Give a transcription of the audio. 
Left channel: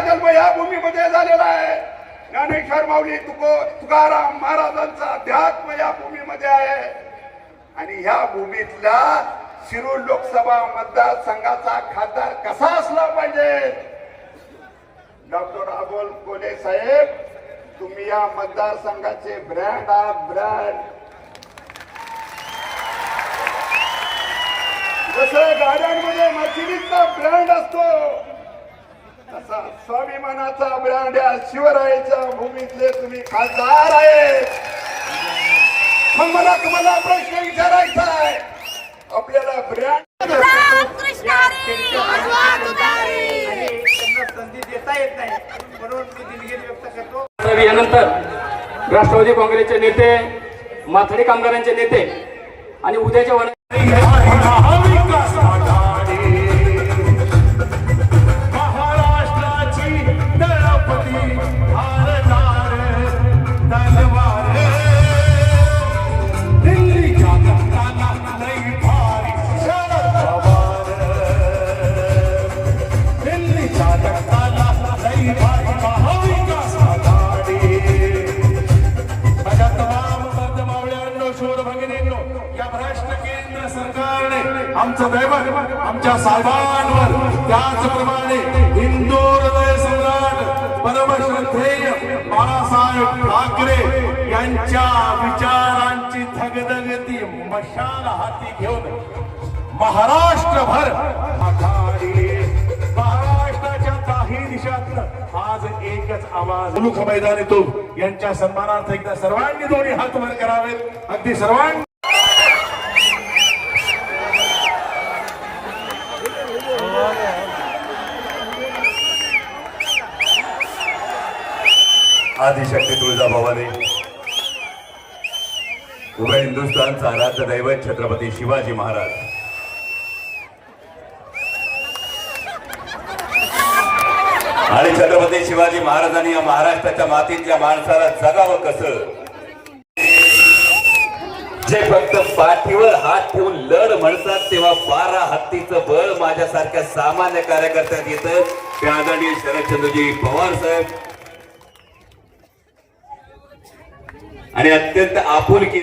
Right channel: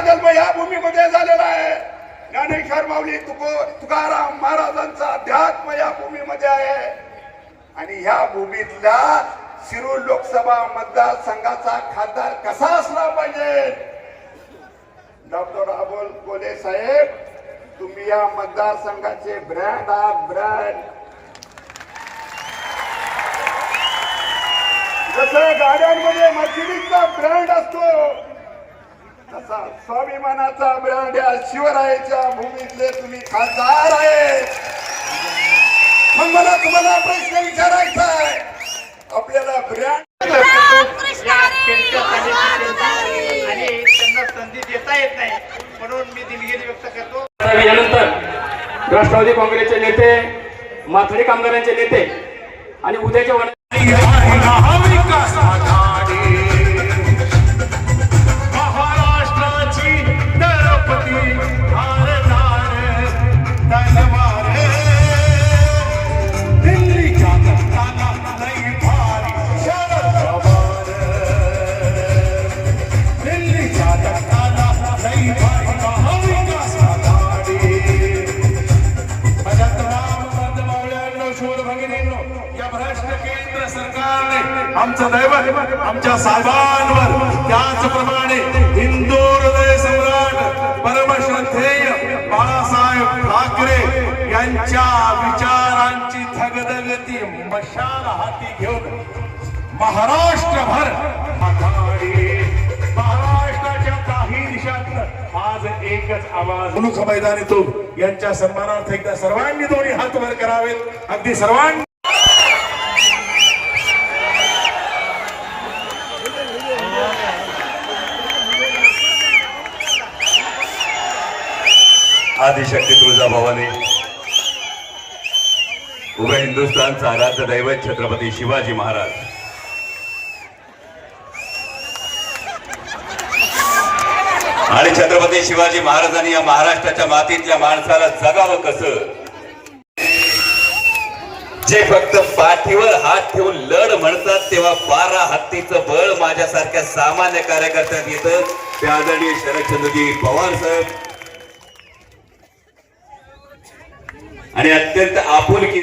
माझा जन्म या भूमीमध्ये झालेला आहे. ज्ञानेश्वर माऊली तुको तुकाराम महाराजांचा अध्यात्म या भूमीमध्ये आहे. आणि ह्या भूमीतला शिरूर लोकसभा मतदारसंघाचा खासदार कसा असला पाहिजे? डॉक्टर अबोल कोले साहेब तुम्ही या मतदारसंघाचे ब्रँड आहात ब्रँड. जसे गाड्यांमध्ये मशिनीचा ब्रँड असतो स्वाभिमानाचा ब्रँड या शिवरायाच्या भूमीतले तुम्ही खासदार आहे मग मला तुम्हाला प्रश्न विचारायचा आहे. आपल्याला ब्रँड आणि त्यांना संधी देता येत नाही म्हणून मी दिलगिरी व्यक्त करतो यानंतर राष्ट्रवादी काँग्रेसचे नेते माथडी कामगारांचे नेते आणि उद्याच्या या भ्रष्ट केंद्र सरकारने आमचं दैवत आमच्या साहेबांवर त्याचप्रमाणे हिंदू हृदय सम्राट परमश्रद्धेय बाळासाहेब ठाकरे यांच्या विचारांची थगदगती मशाल हाती घेऊन महाराष्ट्रभर महाराष्ट्राच्या काही दिशात आज एकच आवाज. मुलुख मैदानीतून यांच्या सन्मानार्थ एकदा सर्वांनी दोन्ही हात वर करावेत. अगदी सर्वांनी आदिशक्ती तुळजाभवानी. उभय हिंदुस्थानचा आराध्य दैवत छत्रपती शिवाजी महाराज. आणि छत्रपती शिवाजी महाराजांनी या महाराष्ट्राच्या मातीतल्या माणसाला जगावं कसं? जे फक्त पाठीवर हात ठेवून लढ म्हणतात तेव्हा बारा हत्तीचं बळ माझ्यासारख्या सामान्य कार्यकर्त्यात येतं. ते आदरणीय शरदचंद्रजी पवार साहेब आणि अत्यंत आपुलकी